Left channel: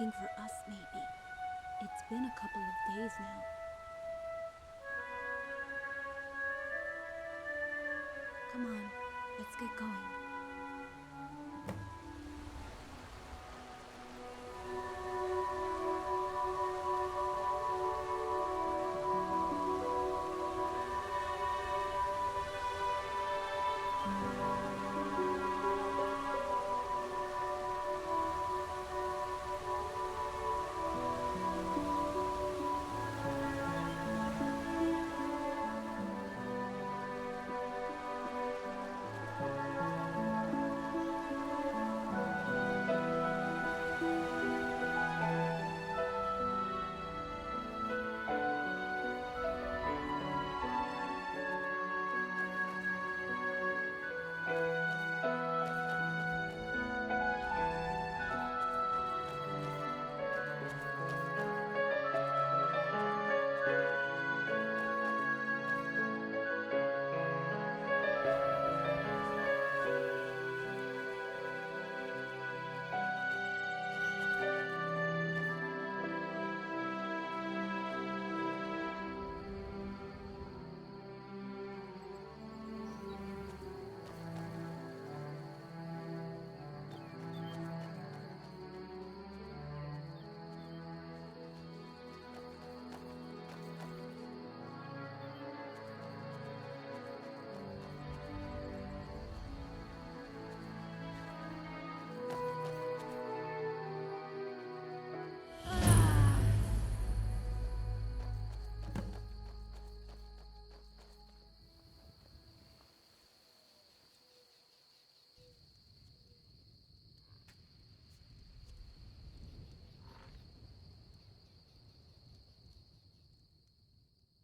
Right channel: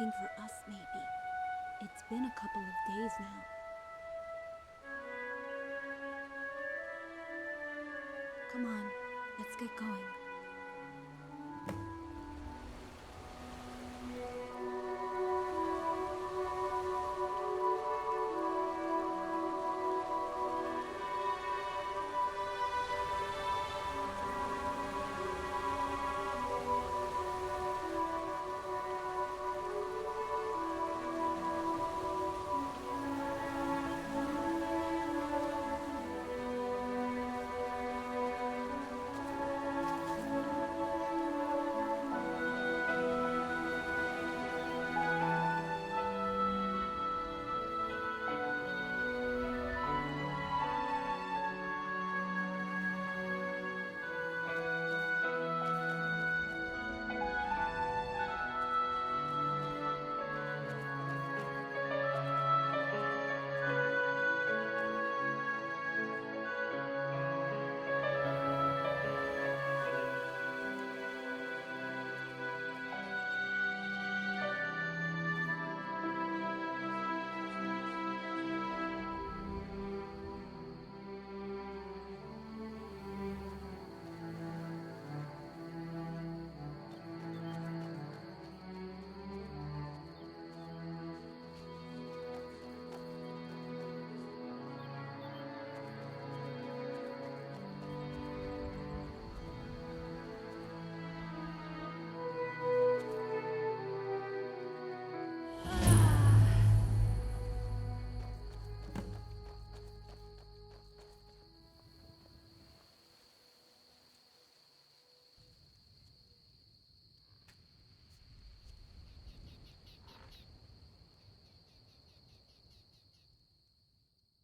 looking for us, maybe. It's been a couple of days now. Come on, let's get going.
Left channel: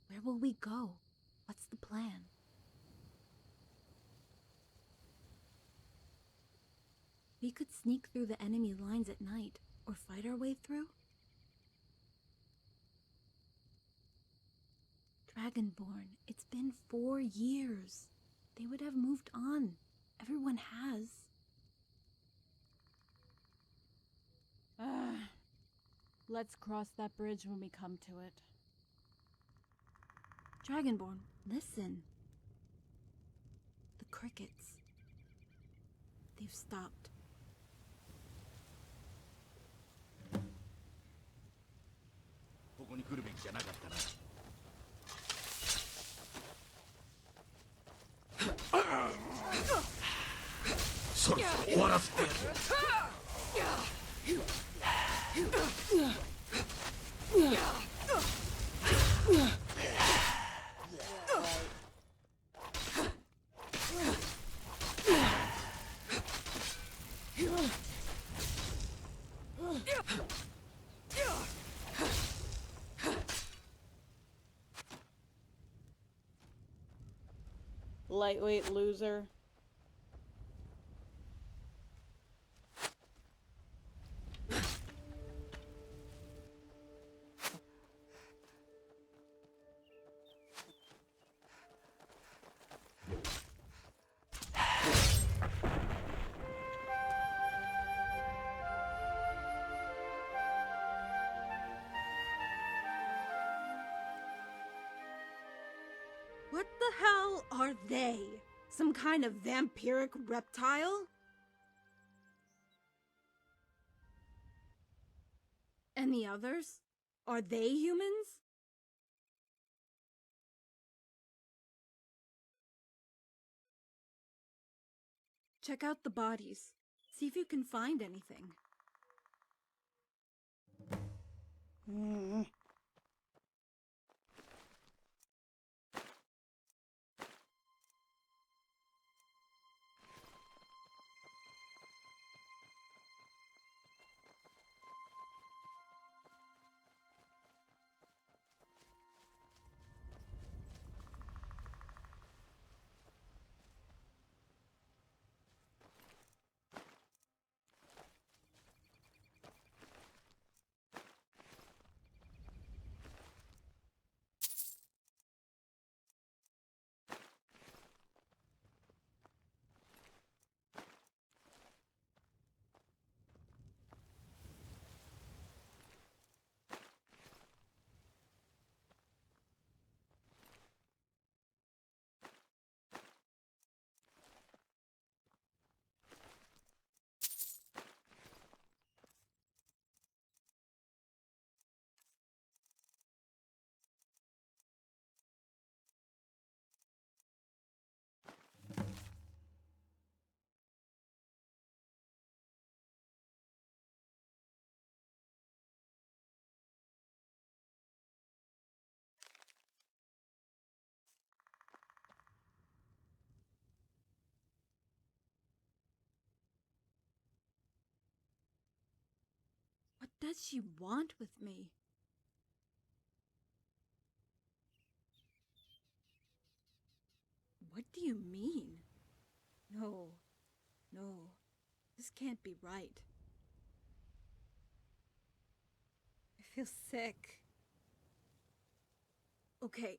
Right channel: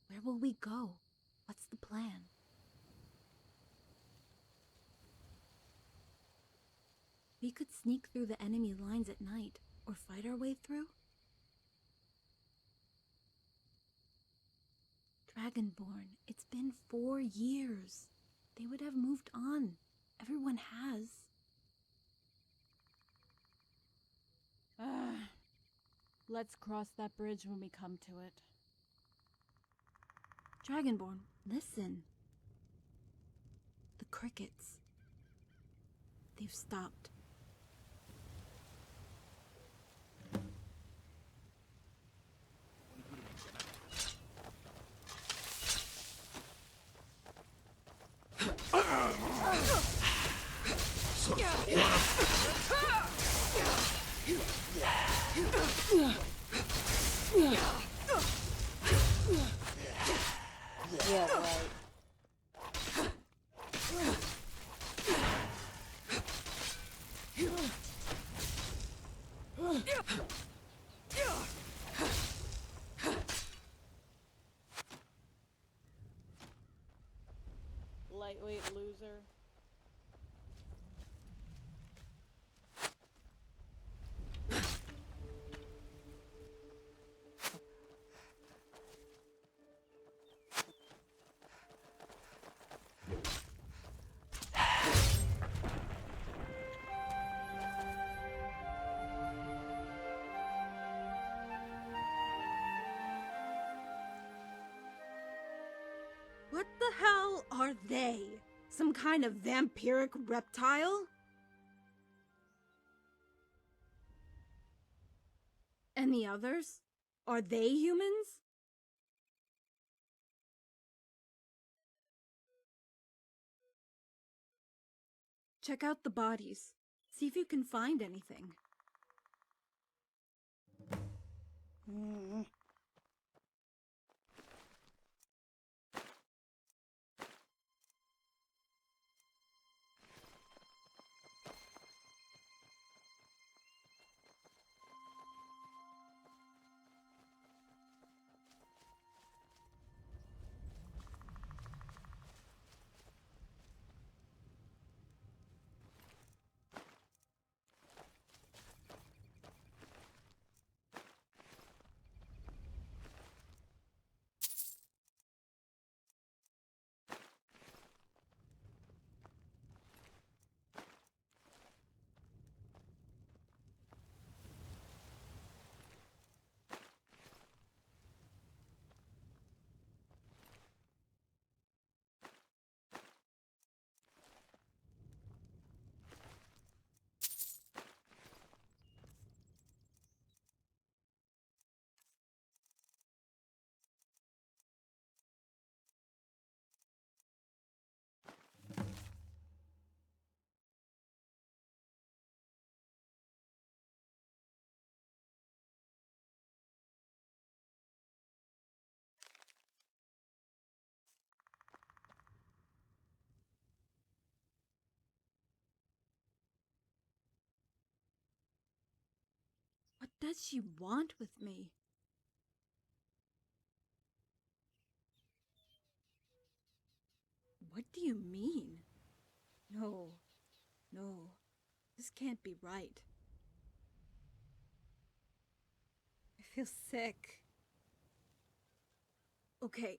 Where will we go? What's the plan? We could sneak through the enemy lines at night, or fight our way through. Dragonborn, it's been 4 years. They would have moved on. Everyone has. Let's cross that bridge when we come to it. Dragonborn, listen. The crickets. They've stopped. Yeah, right. Lightweight loser. What the hell are they? Some kind of vampiric reptile? And the others? Are they humans? Check out the bodies. See if you can find anything. does she want with me? What do you mean? No, this can't be right. I feel sick. Okay.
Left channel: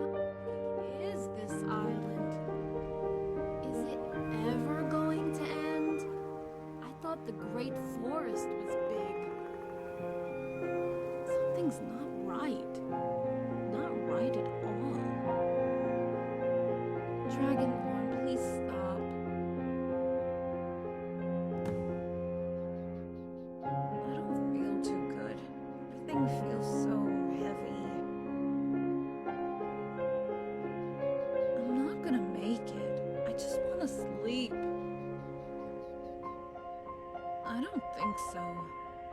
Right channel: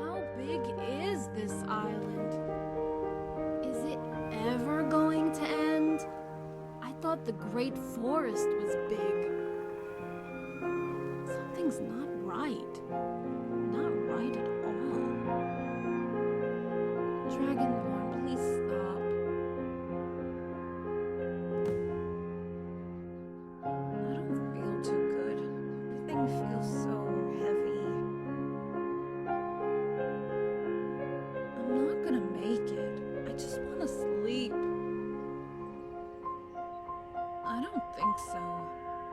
How big is this island? Is it ever going to end? I thought the Great Forest was big. Something's not right. Not right at all. Dragonborn, please stop. I don't feel too good. Everything feels so heavy. I'm not gonna make it. I just want to sleep. I don't think so,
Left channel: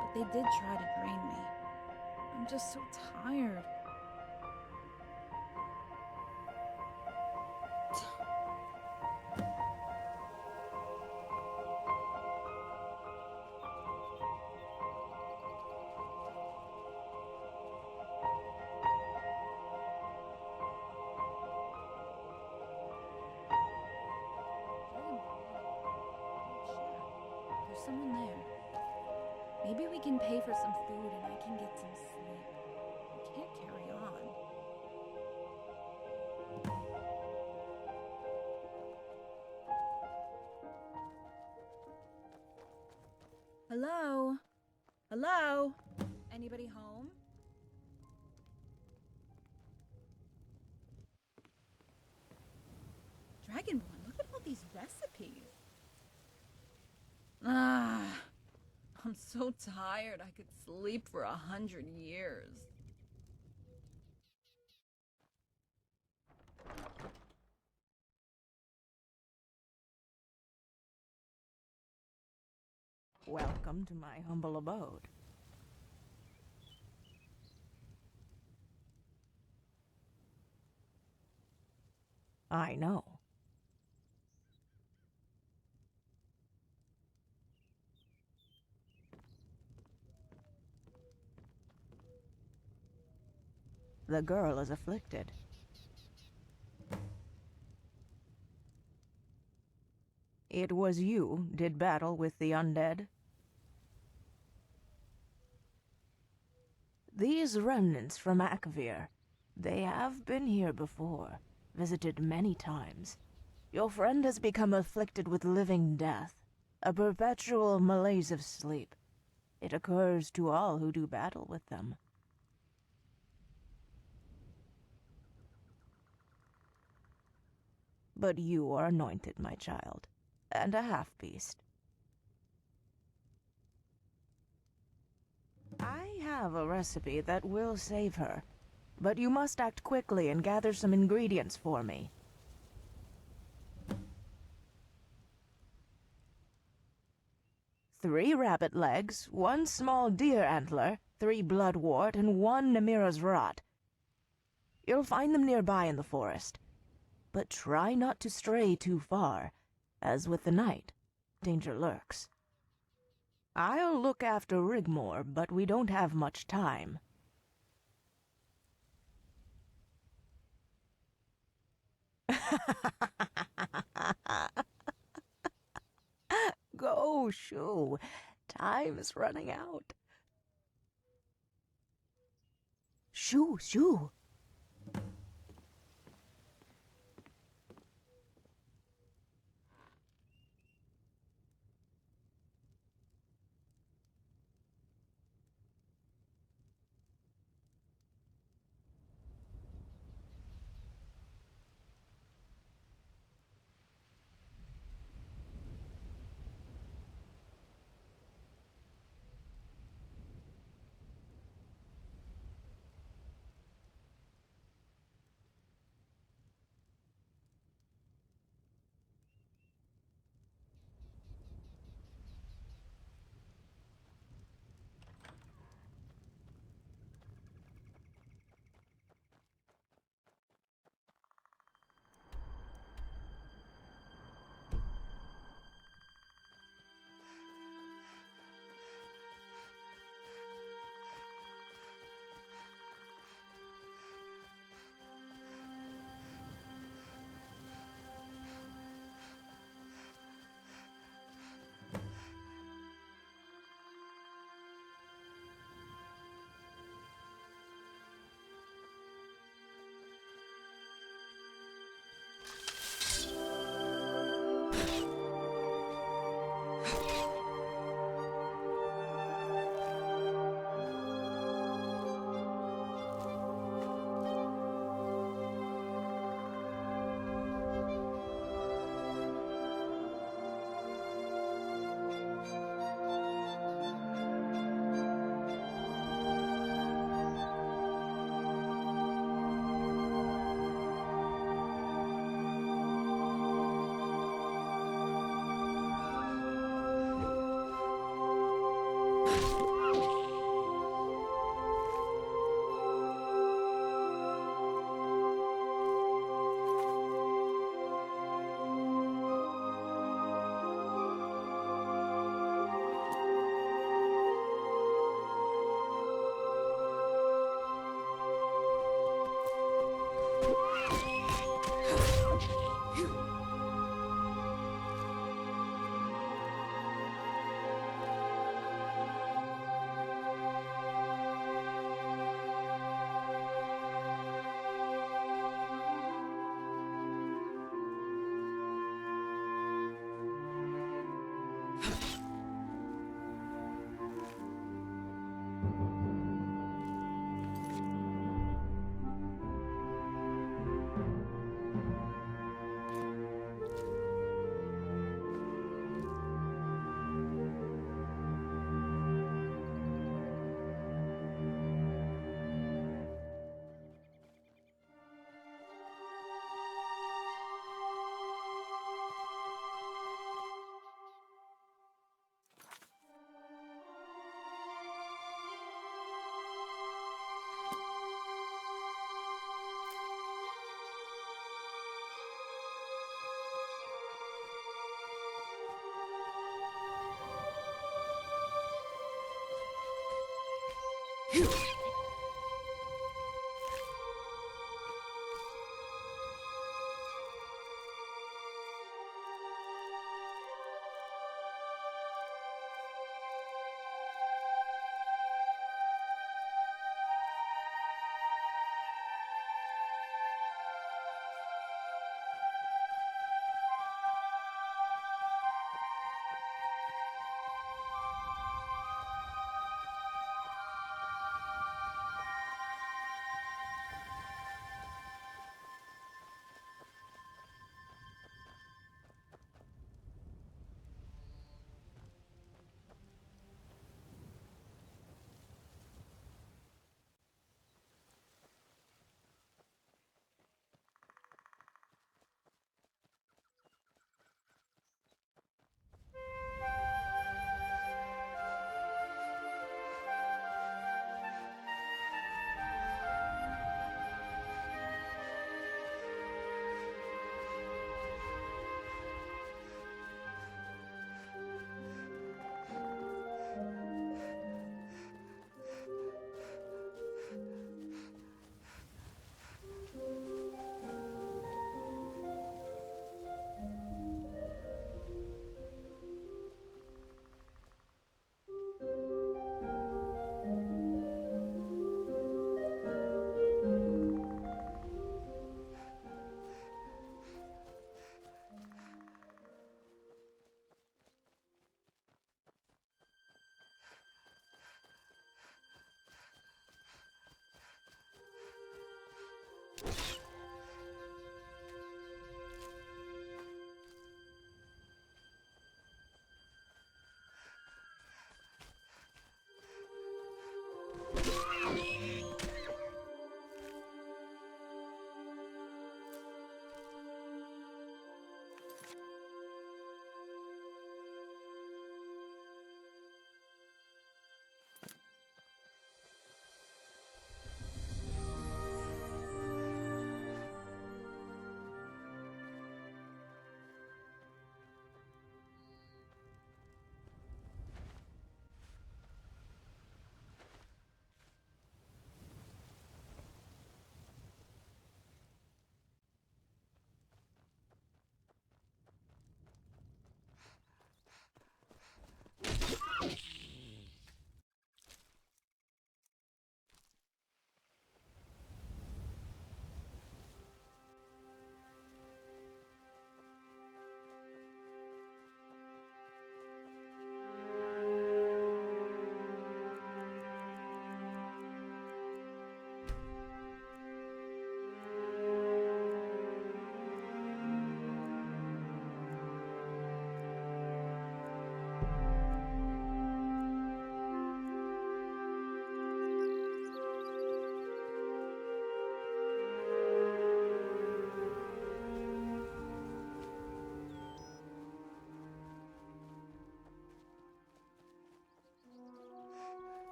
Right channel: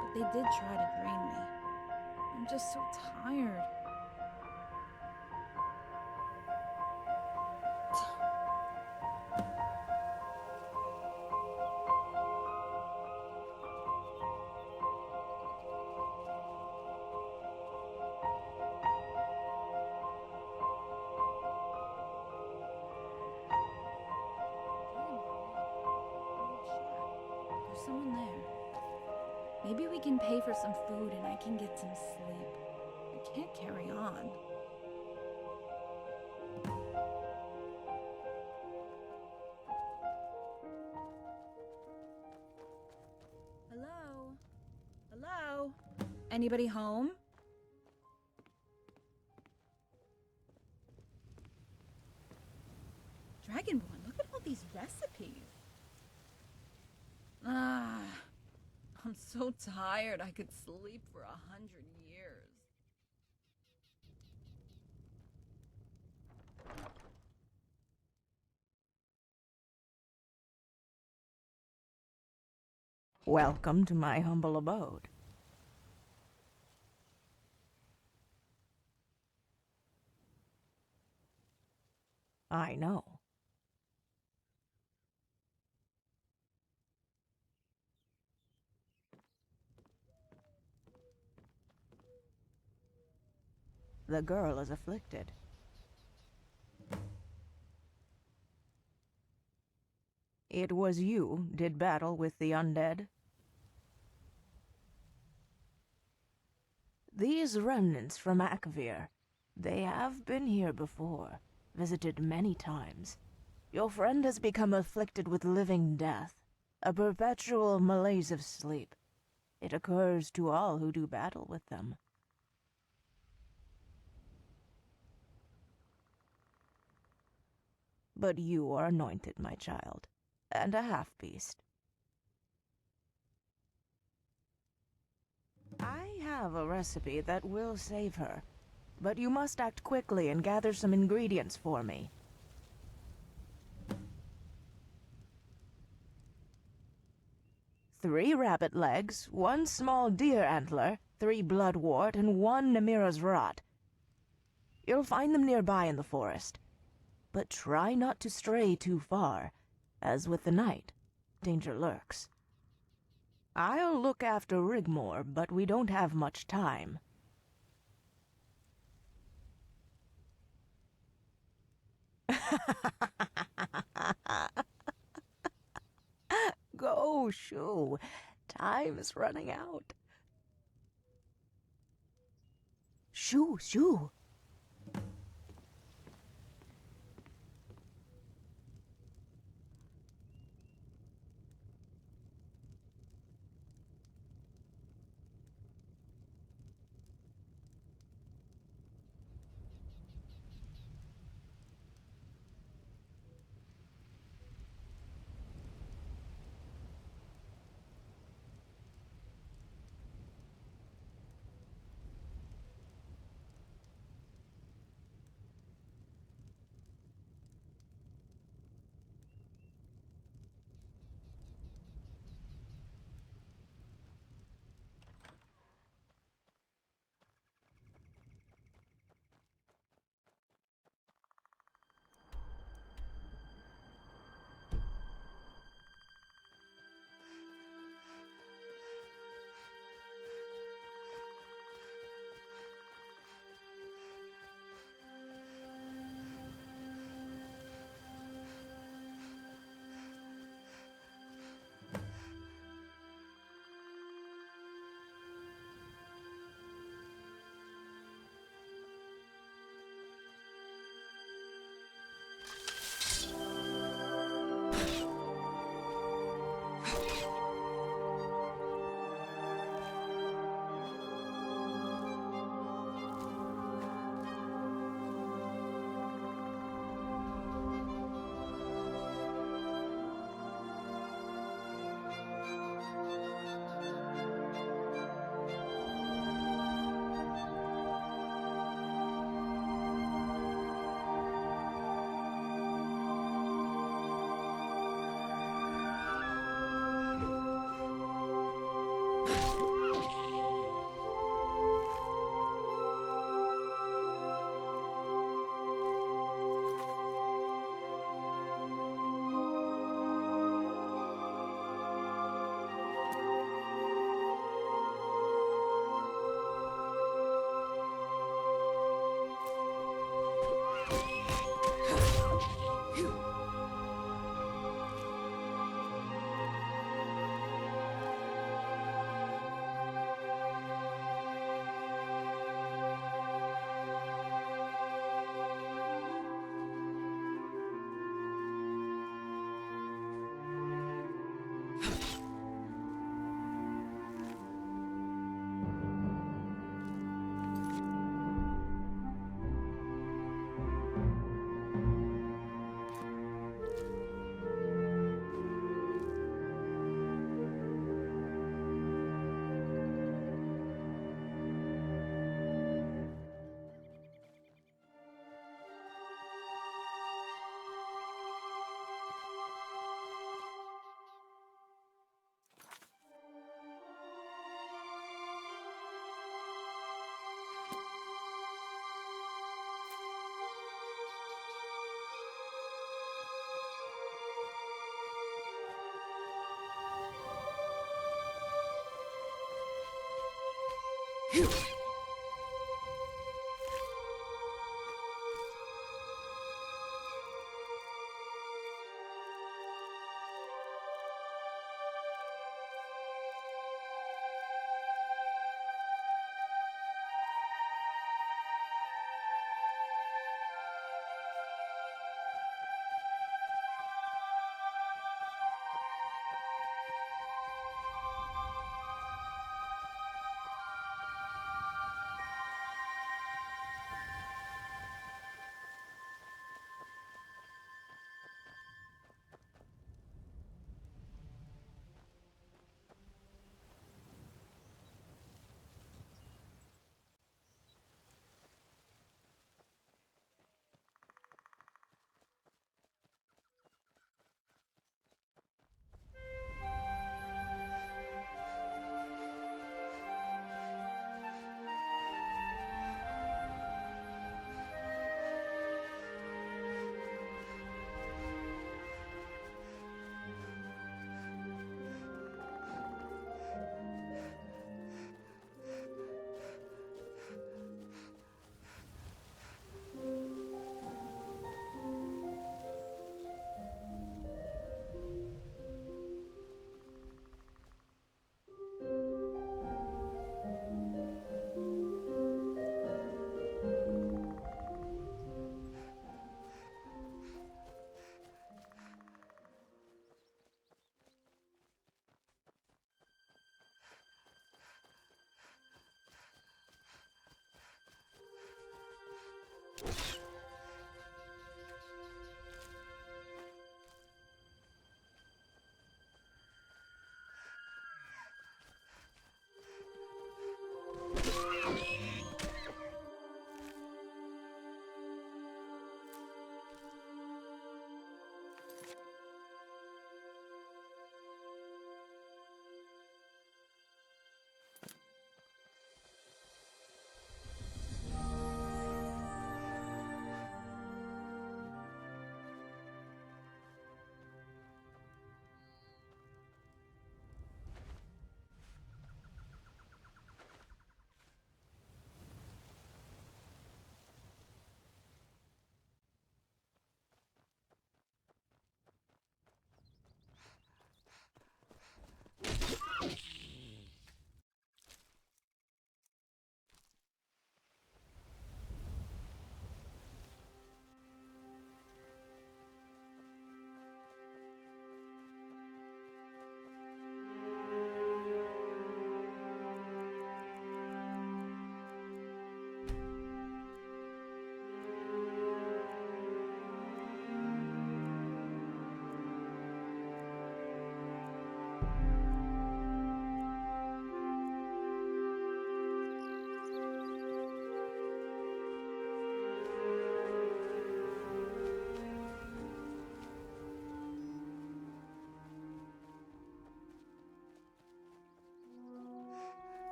but they did try to drain me. I'm just so tired. There's someone there. Maybe we can pay for some food and I can get some sleep. I can't carry on. Hello? Hello? Anybody home? Dragonborn, look at all these recipes. I'm so tired I could sleep for 100 years. Welcome to my humble abode. I know. The girl is afflicted. It was you did battle with the undead? These remnants from Akvir, they have been here before, visited many times. Your friend has become afflicted with living death, a perpetual malaise of sleep. It occurs to all who do battle with them. But you are anointed, my child, and a half-beast. I have a recipe that will save her, but you must act quickly and gather some ingredients for me. Three rabbit legs, 1 small deer antler, 3 bloodwort, and 1 Namira's rot. You'll find them nearby in the forest. But try not to stray too far, as with the night, danger lurks. I'll look after Rigmor, but we don't have much time. Go, shoo. Time is running out. Shoo, shoo.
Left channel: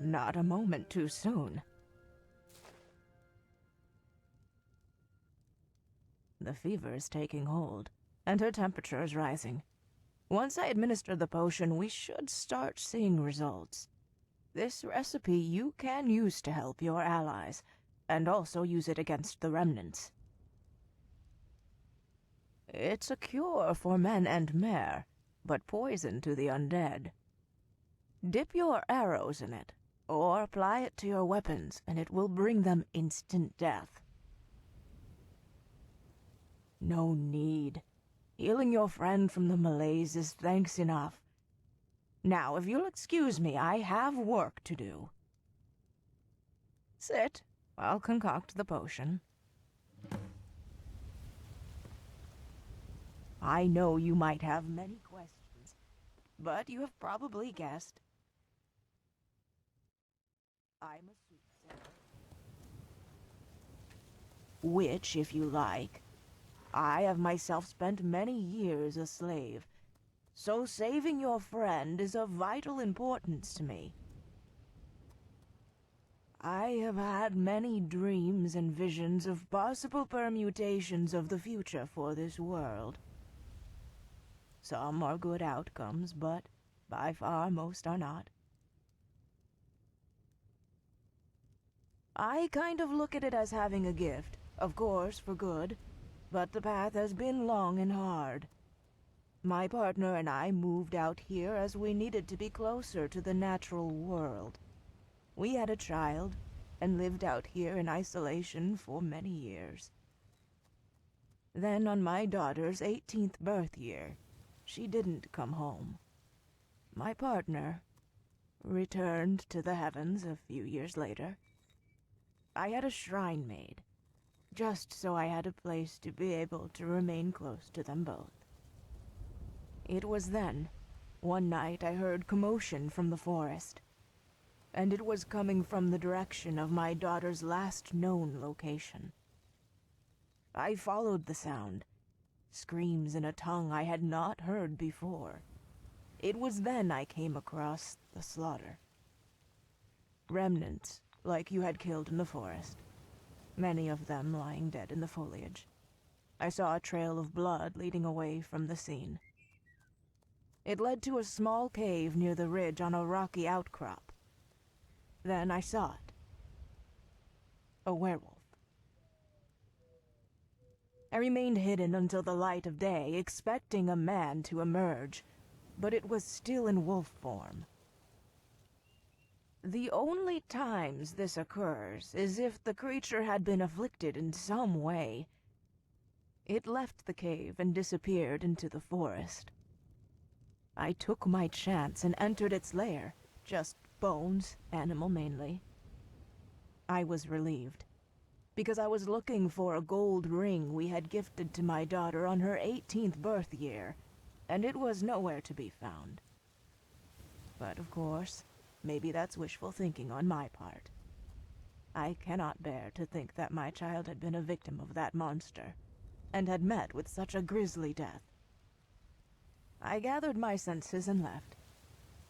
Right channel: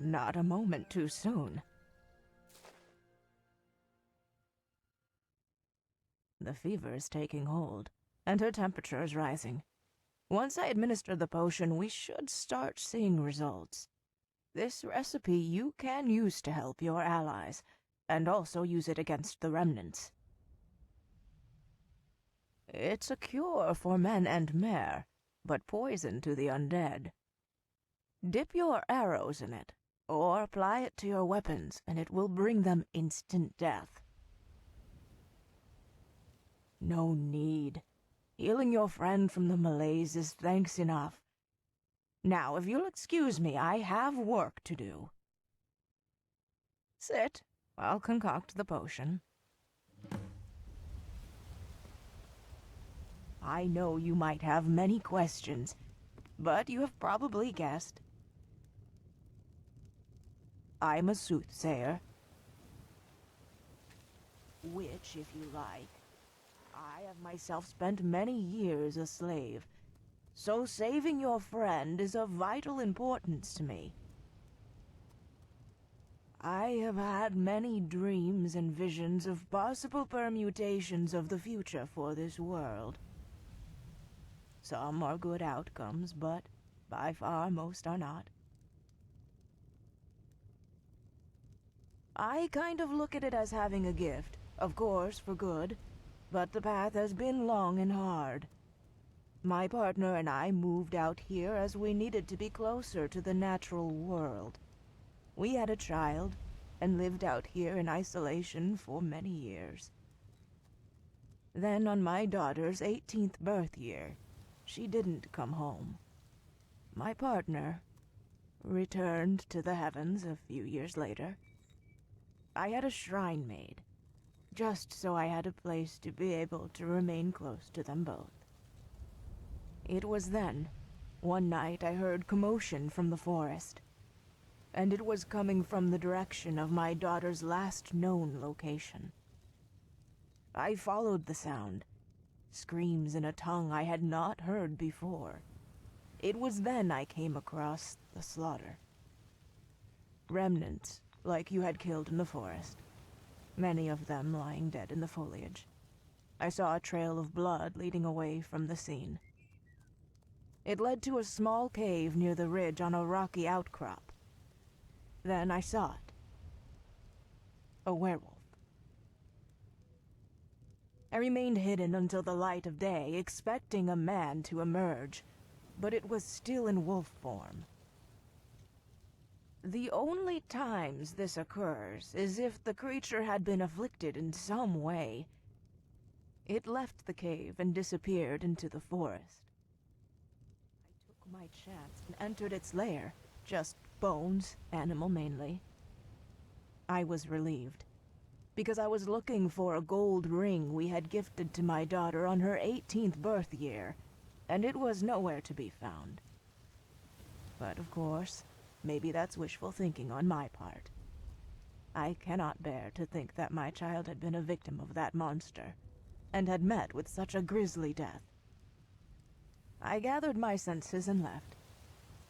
Not a moment too soon. The fever is taking hold, and her temperature is rising. Once I administer the potion, we should start seeing results. This recipe you can use to help your allies, and also use it against the remnants. It's a cure for men and mare, but poison to the undead. Dip your arrows in it, or apply it to your weapons, and it will bring them instant death. No need. Healing your friend from the malaise is thanks enough. Now, if you'll excuse me, I have work to do. Sit. I'll concoct the potion. I know you might have many questions, but you have probably guessed. I'm a soothsayer. Which, if you like. I have myself spent many years a slave, so saving your friend is of vital importance to me. I have had many dreams and visions of possible permutations of the future for this world. Some are good outcomes, but by far most are not. I kind of look at it as having a gift, of course for good, but the path has been long and hard. My partner and I moved out here as we needed to be closer to the natural world. We had a child, and lived out here in isolation for many years. Then on my daughter's 18th birth year, she didn't come home. My partner returned to the heavens a few years later. I had a shrine made, just so I had a place to be able to remain close to them both. It was then, one night I heard commotion from the forest, and it was coming from the direction of my daughter's last known location. I followed the sound, screams in a tongue I had not heard before. It was then I came across the slaughter. Remnants, like you had killed in the forest. Many of them lying dead in the foliage. I saw a trail of blood leading away from the scene. It led to a small cave near the ridge on a rocky outcrop. Then I saw it. A werewolf. I remained hidden until the light of day, expecting a man to emerge, but it was still in wolf form. The only times this occurs is if the creature had been afflicted in some way. It left the cave and disappeared into the forest. I took my chance and entered its lair, just bones, animal mainly. I was relieved, because I was looking for a gold ring we had gifted to my daughter on her 18th birth year, and it was nowhere to be found. But of course, maybe that's wishful thinking on my part. I cannot bear to think that my child had been a victim of that monster, and had met with such a grisly death. I gathered my senses and left,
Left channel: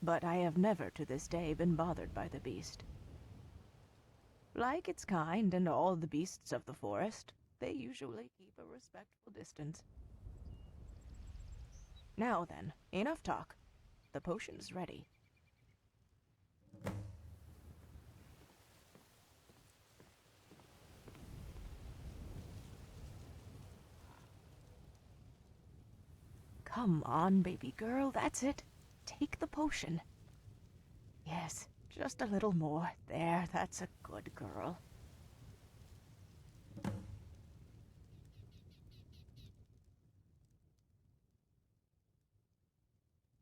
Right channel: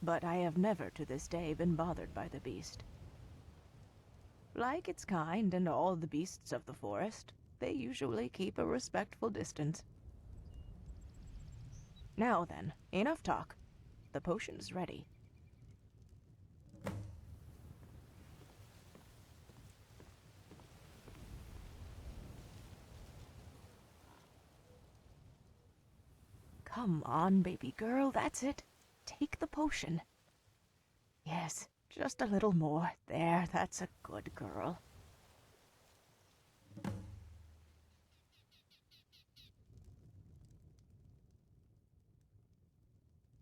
but I have never to this day been bothered by the beast. Like its kind and all the beasts of the forest, they usually keep a respectful distance. Now then, enough talk. The potion's ready. Come on, baby girl, that's it. Take the potion. Yes, just a little more. There, that's a good girl.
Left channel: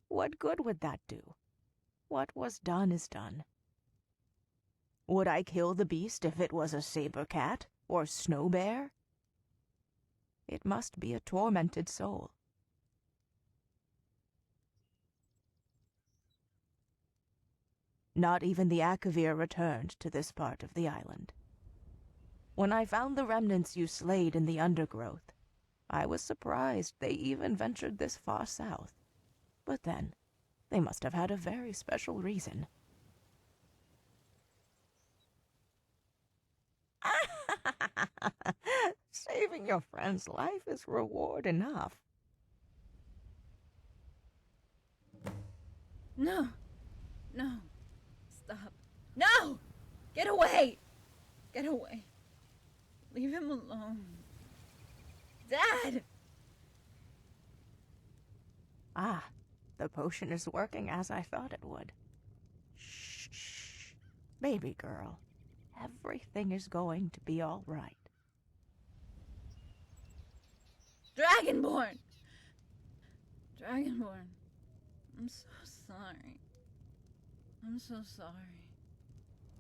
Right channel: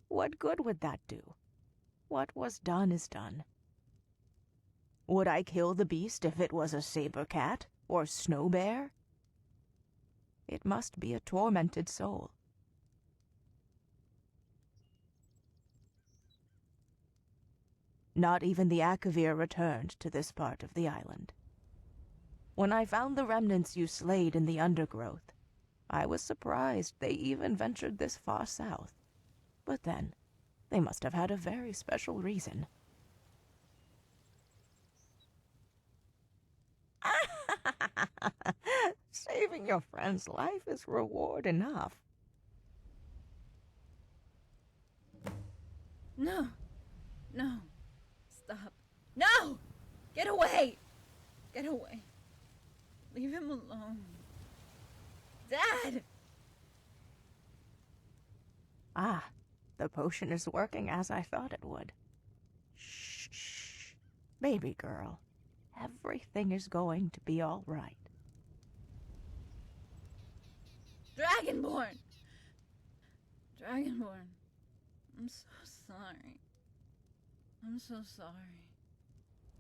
What good would that do? What was done is done. Would I kill the beast if it was a saber cat or snow bear? It must be a tormented soul. Not even the Akavir returned to this part of the island. When I found the remnants you slayed in the undergrowth, I was surprised they even ventured this far south. But then, they must have had a very special reason. Saving your friend's life is reward enough. No. No. Stop. No! Get away! Get away. Leave him alone. Dad! Ah, the potion is working as I thought it would. Shh, shh. Baby girl, everything is going to be all right. Dragonborn! Dragonborn. I'm so sorry. I'm so sorry.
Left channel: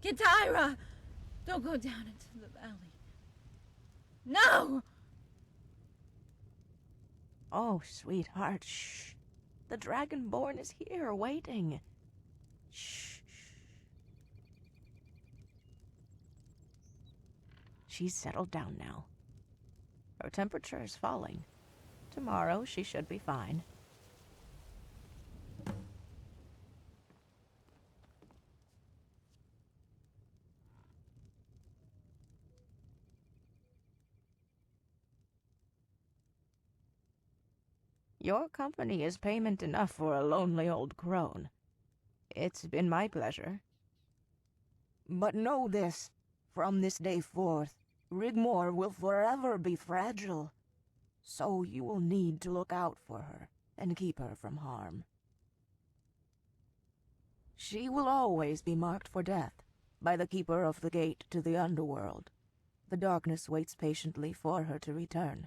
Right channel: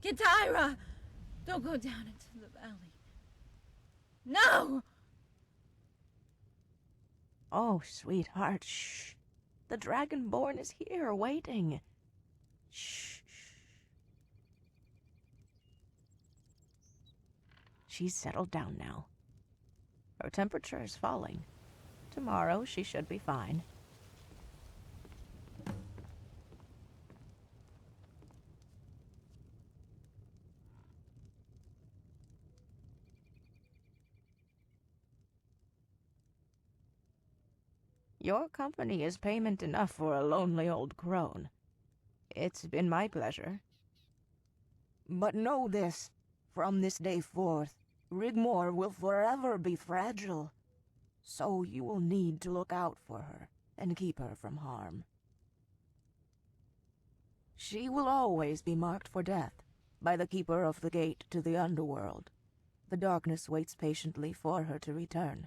Kitaira! Don't go down into the valley. No! Oh, sweetheart, shh. The Dragonborn is here, waiting. Shh, shh. She's settled down now. Her temperature is falling. Tomorrow she should be fine. Your company is payment enough for a lonely old crone. It's been my pleasure. But know this, from this day forth, Rigmor will forever be fragile. So you will need to look out for her and keep her from harm. She will always be marked for death by the keeper of the gate to the underworld. The darkness waits patiently for her to return.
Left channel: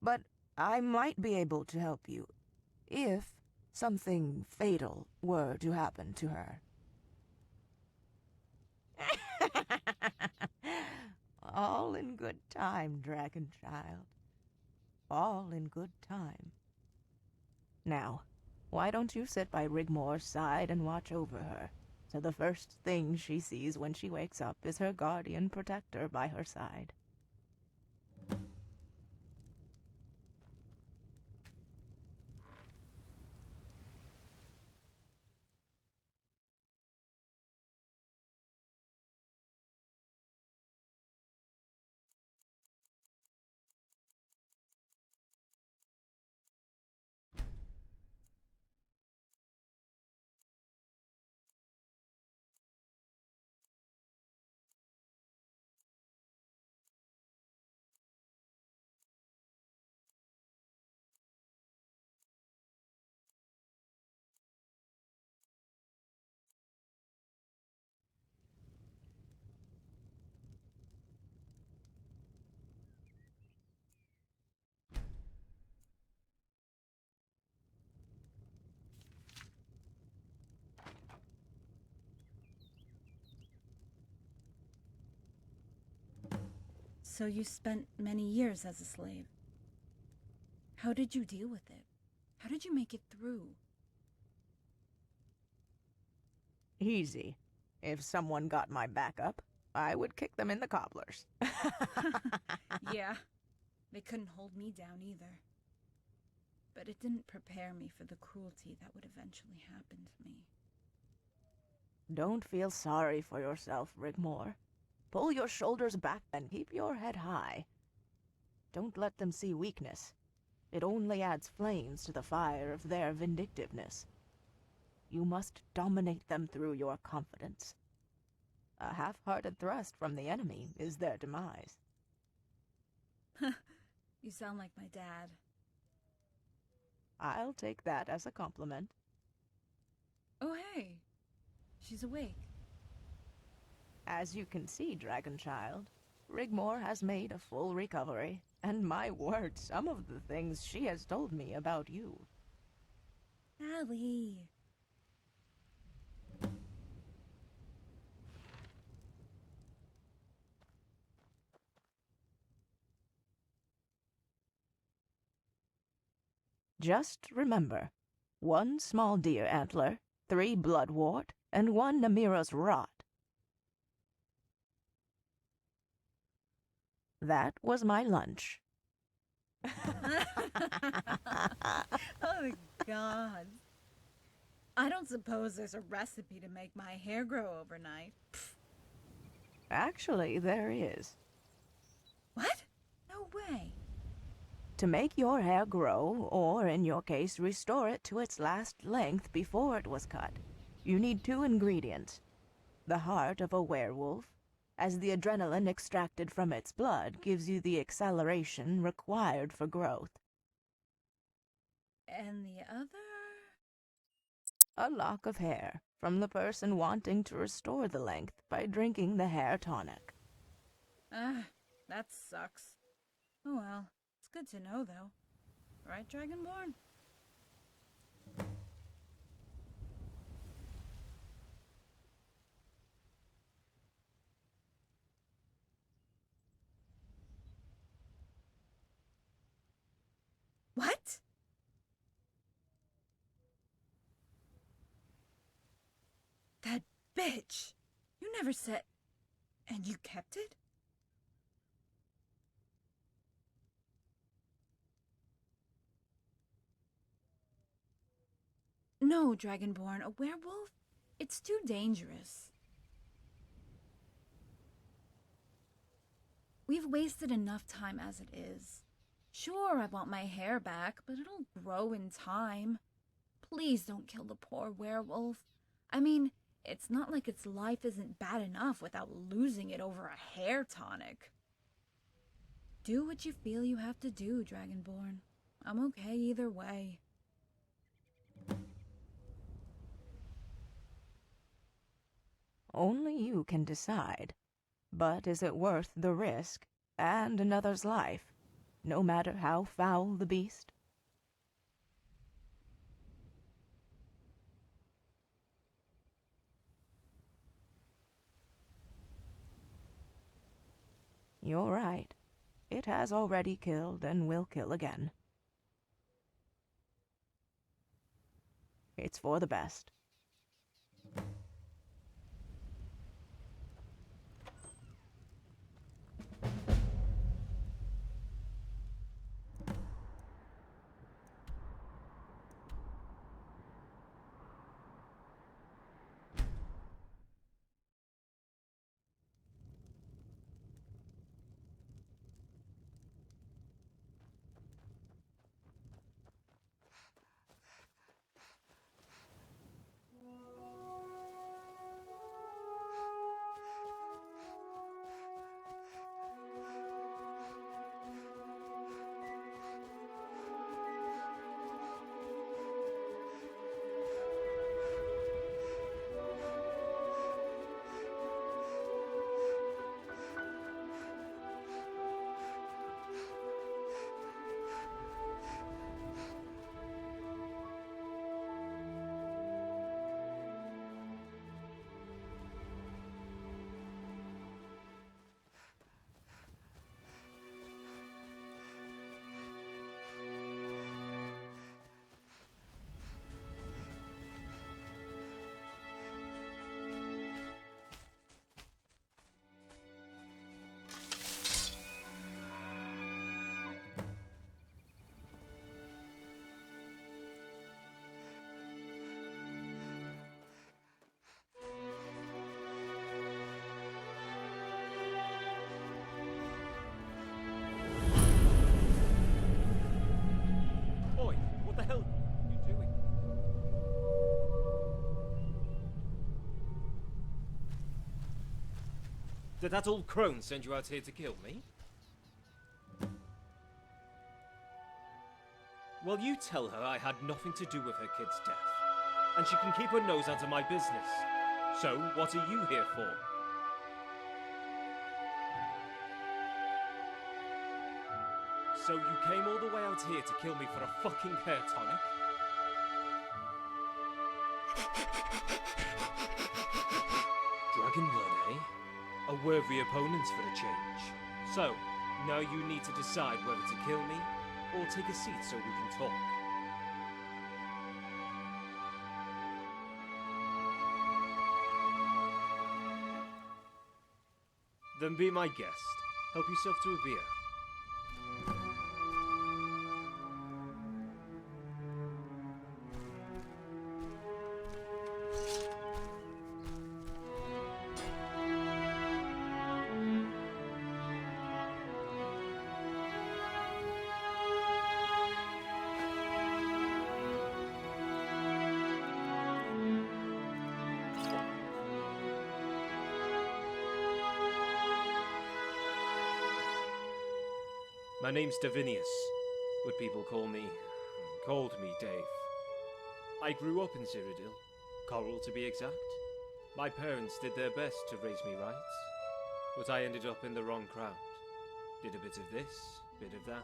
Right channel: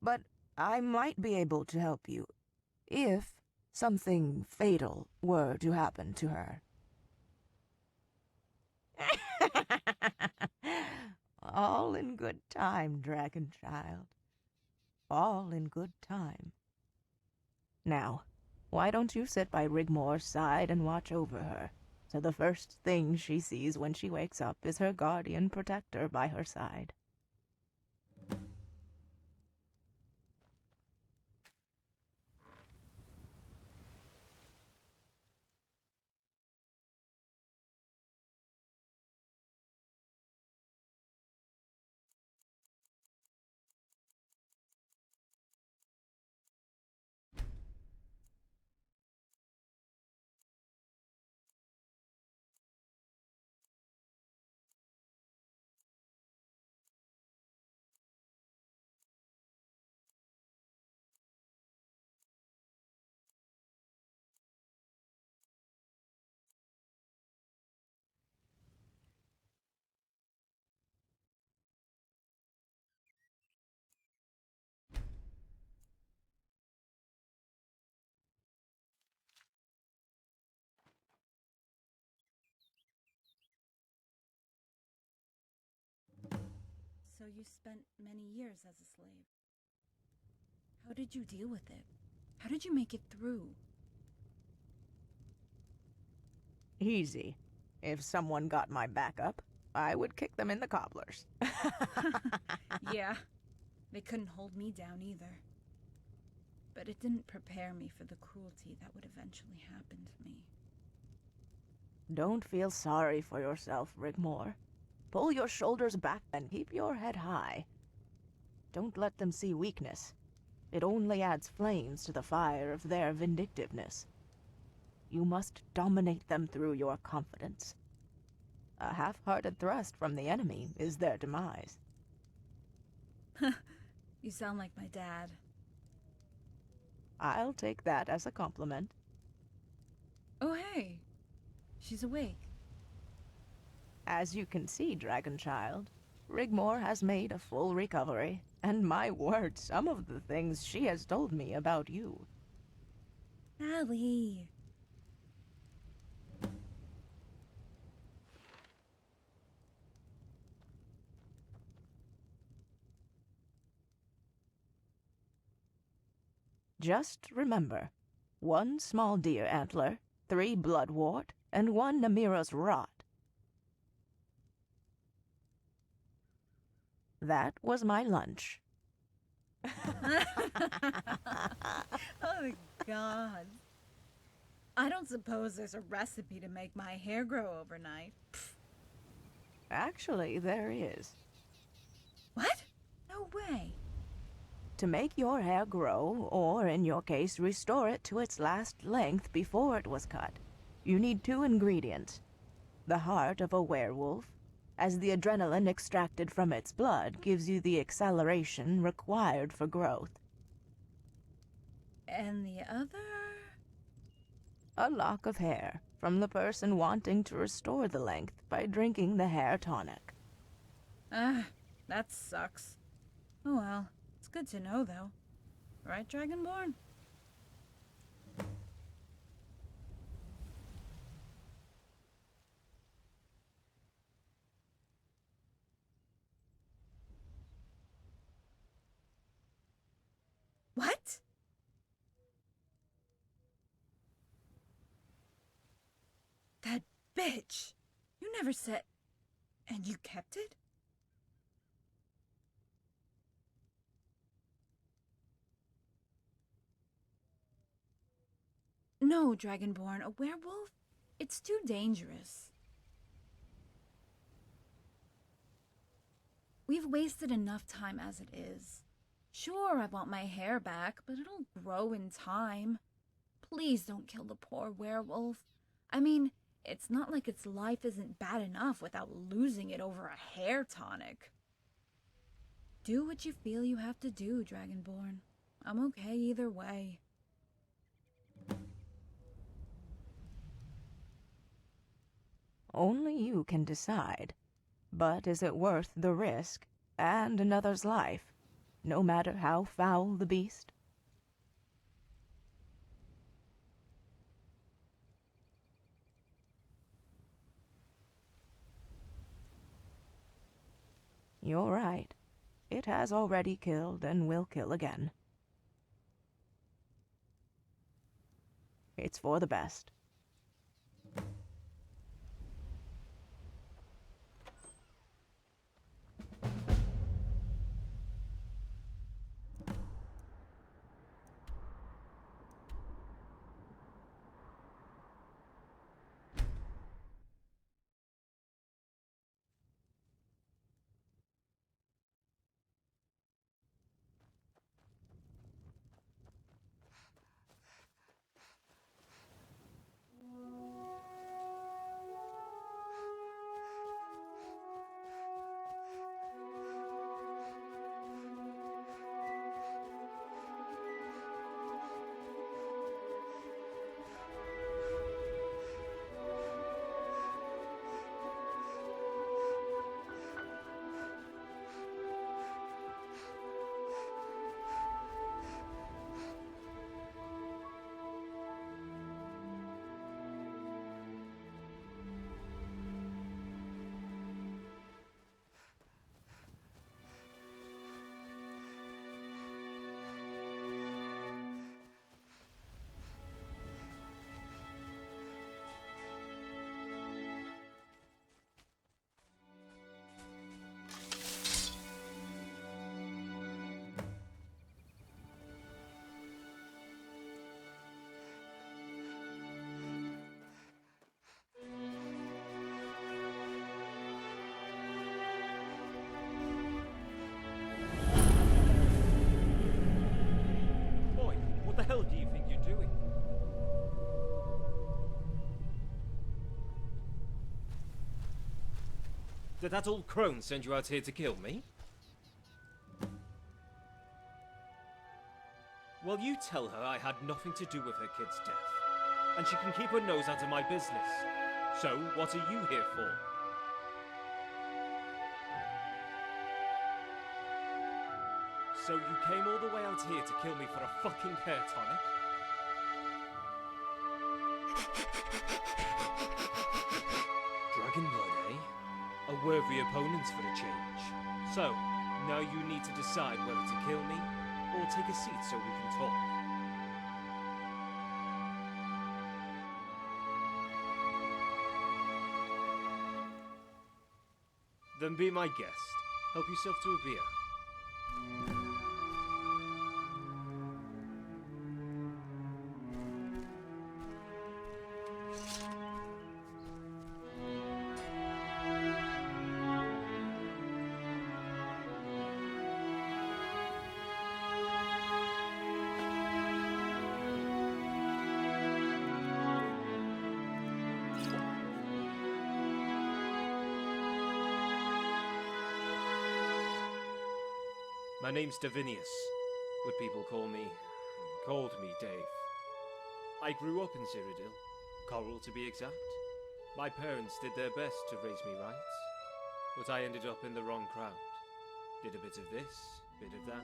But I might be able to help you, if something fatal were to happen to her. All in good time, dragon child. All in good time. Now, why don't you sit by Rigmor's side and watch over her, so the first thing she sees when she wakes up is her guardian protector by her side. So you spent many years as a slave. How did you deal with it? How did you make it through? Easy. If someone got my back up, I would kick them in the cobblers. Yeah, they couldn't hold me down either. But it didn't prepare me for the cruelty that would eventually happen to me. Don't feel sorry for yourself, Rigmor. Pull your shoulders back and keep your head high. Don't let them see weakness. It only adds flames to the fire of their vindictiveness. You must dominate them through your confidence. A half-hearted thrust from the enemy is their demise. You sound like my dad. I'll take that as a compliment. Oh, hey. She's awake. As you can see, Dragon Child, Rigmor has made a full recovery, and my word, some of the things she has told me about you. Allie. Just remember, 1 small deer antler, 3 bloodwort, and 1 Namira's rot. That was my lunch. Oh, God. I don't suppose there's a recipe to make my hair grow overnight. Pfft. Actually, there is. What? No No way. To make your hair grow, or in your case, restore it to its last length before it was cut, you need 2 ingredients. The heart of a werewolf, as the adrenaline extracted from its blood gives you the acceleration required for growth. And the other? A lock of hair from the person wanting to restore the length by drinking the hair tonic. That sucks. Oh well, it's good to know though. Right, Dragonborn? What? That bitch! You never said... And you kept it? No, Dragonborn, a werewolf? It's too dangerous. We've wasted enough time as it is. Sure, I want my hair back, but it'll grow in time. Please don't kill the poor werewolf. I mean, it's not like its life isn't bad enough without losing it over a hair tonic. Do what you feel you have to do, Dragonborn. I'm okay either way. Only you can decide. But is it worth the risk and another's life, no matter how foul the beast? You're right. It has already killed and will kill again. It's for the best. What the hell do you think you're doing? Did that old crone send you out here to kill me? Well, you tell her I had nothing to do with her kid's death. And she can keep her nose out of my business. So, what are you here for? So you came all the way out here to kill me for a fucking hair tonic? Dragon blood, eh? A worthy opponent for a change. So, now you need to decide whether to kill me, or take a seat so we can talk. Then be my guest. Help yourself to a beer. My name's Davinius, but people called me Dave. I grew up in Sirodila, Coral to be exact. My parents did their best to raise me right, but I ended up in the wrong crowd. Did a bit of this, bit of that,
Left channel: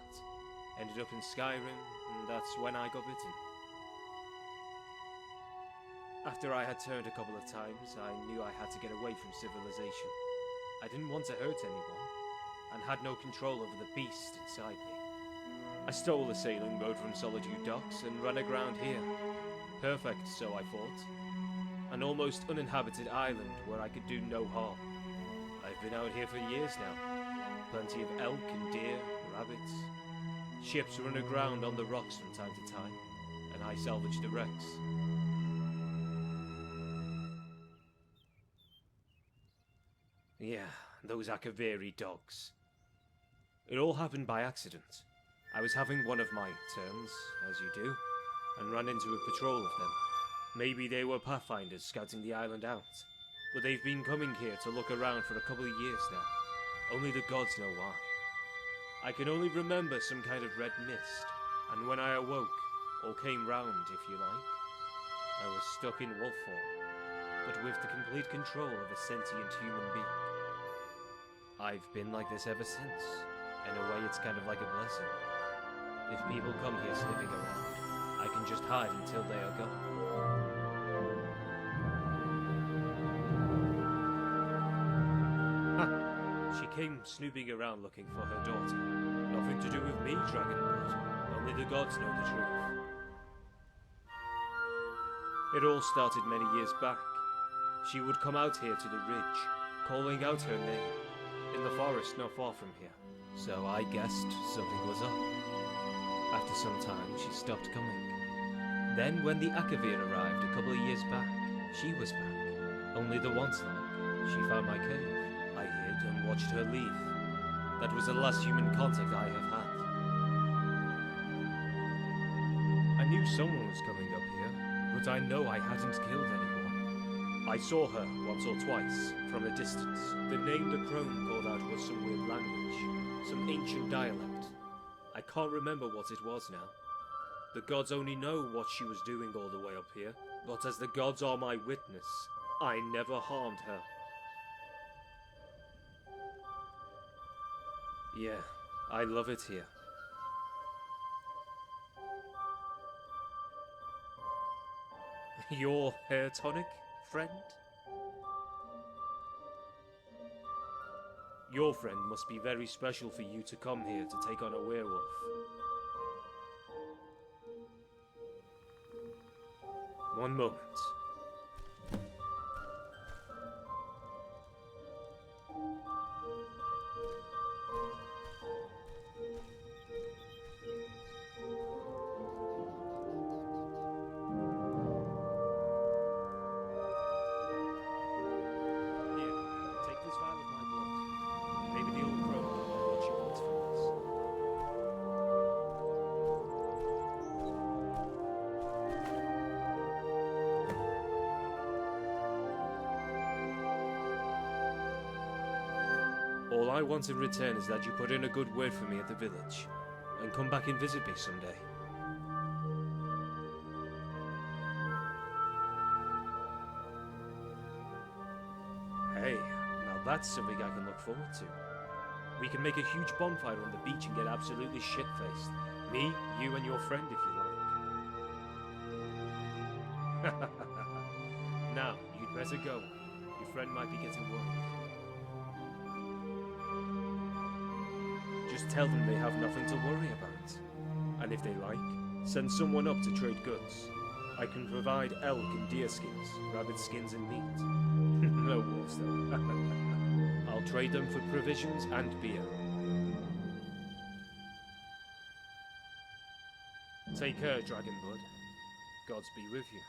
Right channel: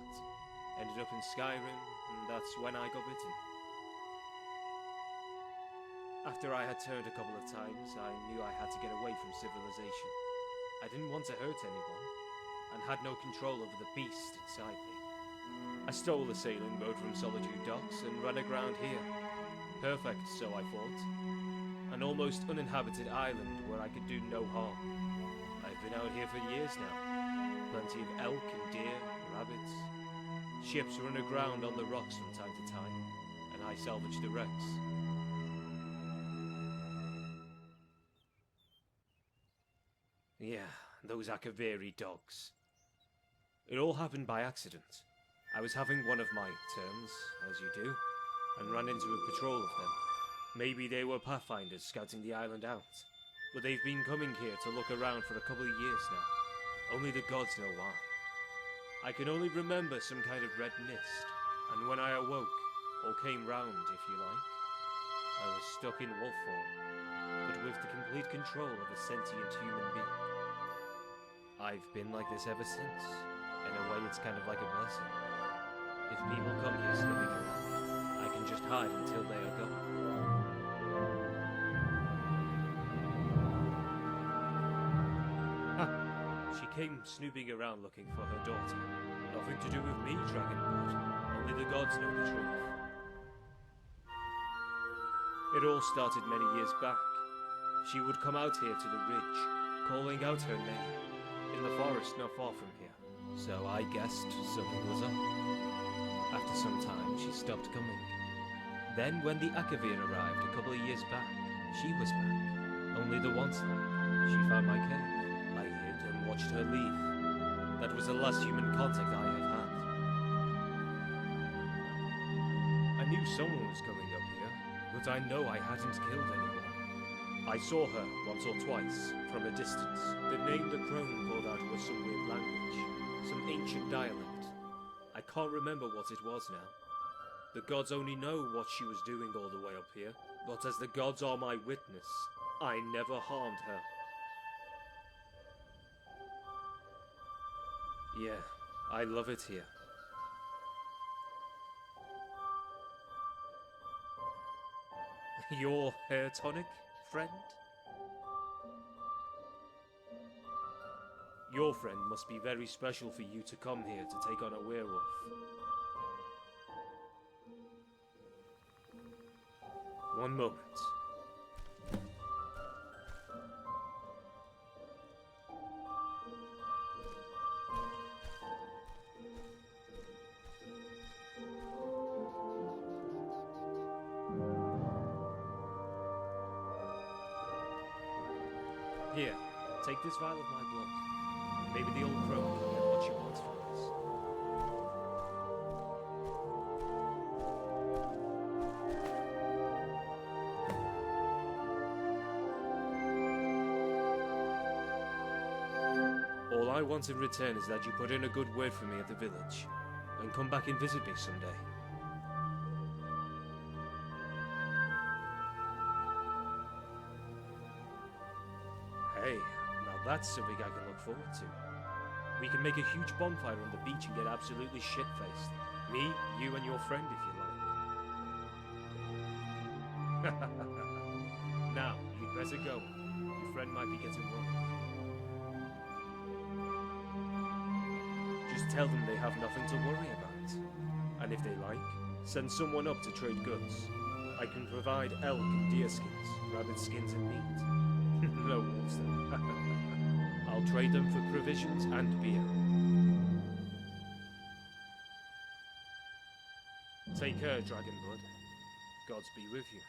ended up in Skyrim, and that's when I got bitten. After I had turned a couple of times, I knew I had to get away from civilization. I didn't want to hurt anyone, and had no control over the beast inside me. I stole a sailing boat from Solitude Docks and ran aground here. Perfect, so I thought. An almost uninhabited island where I could do no harm. I've been out here for years now. Plenty of elk and deer, rabbits. Ships run aground on the rocks from time to time, and I salvage the wrecks. Yeah, those Akaviri dogs. It all happened by accident. I was having one of my turns, as you do, and ran into a patrol of them. Maybe they were pathfinders scouting the island out, but they've been coming here to look around for a couple of years now. Only the gods know why. I can only remember some kind of red mist, and when I awoke, or came round if you like, I was stuck in wolf form, but with the complete control of a sentient human being. I've been like this ever since. In a way, it's kind of like a blessing. If people come here sniffing around, I can just hide until they are gone. Ha! She came snooping around looking for her daughter. Nothing to do with me, Dragonblood. Only the gods know the truth. It all started many years back. She would come out here to the ridge, calling out her name, in the forest not far from here. So I guessed something was up. After some time, she stopped coming. Then when the Akavir arrived a couple of years back, she was back. Only the once like. She found my cave. I hid and watched her leave. That was the last human contact I have had. I knew someone was coming up here, but I know I hadn't killed anyone. I saw her once or twice, from a distance. The name the crone called out was some weird language, some ancient dialect. I can't remember what it was now. The gods only know what she was doing all the way up here, but as the gods are my witness, I never harmed her. Yeah, I love it here. Your hair tonic, friend? Your friend must be very special for you to come here to take on a werewolf. One moment. Here, take this vial of my blood. Maybe the old crone can get what she wants from this. All I want in return is that you put in a good word for me at the village, and come back and visit me someday. Hey, now that's something I can look forward to. We can make a huge bonfire on the beach and get absolutely shit-faced. Me, you, and your friend, if you like. Now, you'd better go. Your friend might be getting worried. Just tell them they have nothing to worry about. And if they like, send someone up to trade goods. I can provide elk and deer skins, rabbit skins and meat. No wolves though. I'll trade them for provisions and beer. Take care, Dragonblood. Gods be with you.